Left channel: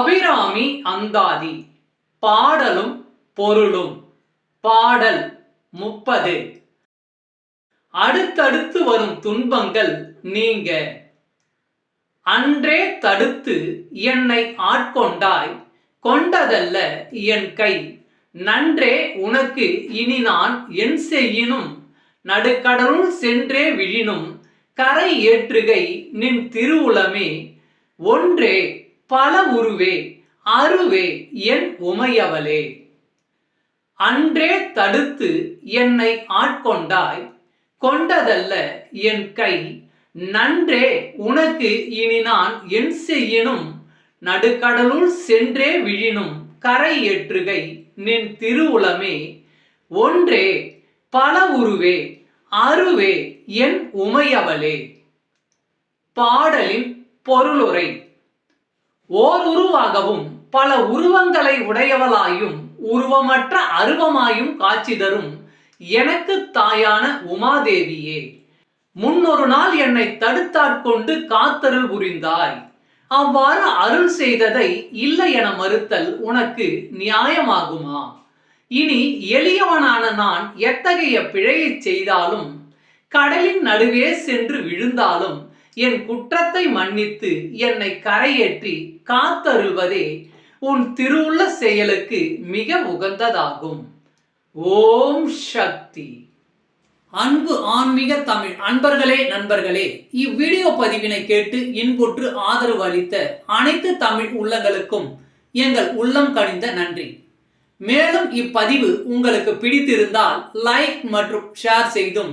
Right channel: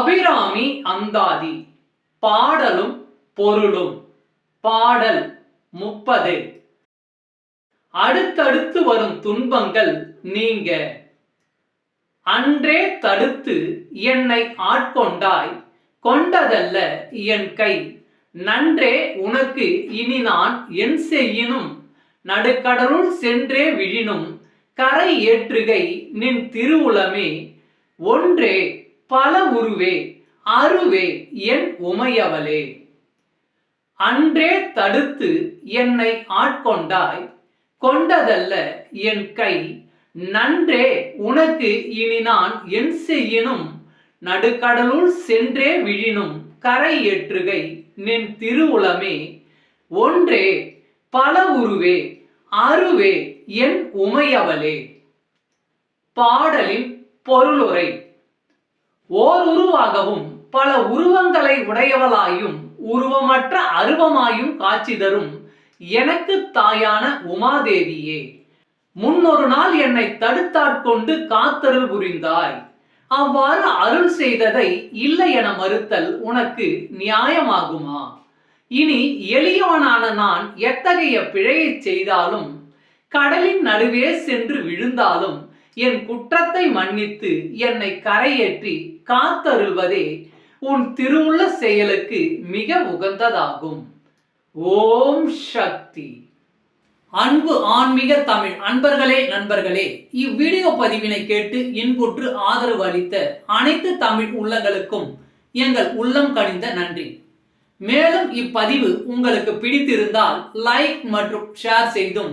அபிராமி அந்தாதி. பாடலும் பொருளும். பாடல் முப்பது. அடுத்தடுத்து வரும் துன்பங்கள் நீங்க. அன்றே தடுத்து என்னை ஆட்கொண்டாய். கொண்டதல்ல என் கை. நன்றே உனக்கு இனி நான் என் செய்யினும். நடுக்கடலுள் சென்றே விழினும். கரை ஏற்றுகை நின் திருவுளமே. ஒன்றே பல உருவே அருவே என் உமையவளே. அன்றே தடுத்து என்னை ஆட்கொண்டாய் கொண்டதல்ல என் கை. நன்றே உனக்கு இனி நான் என் செய்யினும் நடுக்கடலுள் சென்றே விழினும் கரை ஏற்றுகை நின் திருவுளமே. ஒன்றே பல உருவே அருவே என் உமையவளே. பாடலின் பொருளுரை. ஓர் உருவாகவும் பல உருவங்களை உடையவளாயும் உருவமற்ற அருவமாயும் காட்சி தரும் எனக்கு தாயான உமாதேவியே. முன்னொரு நாள் என்னை தடுத்தாட்கொண்டு காத்தருள் புரிந்தாய். அவ்வாறு அருள் செய்ததை இல்லை என மறுத்தல் உனக்கு நியாயமாகுமா? இனி எளியவனான நான் எத்தகைய பிழையைச் செய்தாலும் கடலின் நடுவே சென்று விழுந்தாலும் என் குற்றத்தை மன்னித்து என்னை கரையேற்றி காத்தருள்வதே உன் திருவுள்ள செயலுக்கு மிக உகந்ததாகும். ஓம் சக்தி. அன்பு ஆன்மீக தமிழ் அன்பர்களே நண்பர்களே இவ்வீடியோ பதிவினை கேட்டு இன்புற்று ஆதரவு அளித்த அனைத்து தமிழ் உள்ளங்களுக்கும் எங்கள் உள்ளம் கனிந்த நன்றி. மேலும் இப்பதிவு உங்களுக்கு பிடித்திருந்தால் லைக் மற்றும் ஷேர் செய்தும்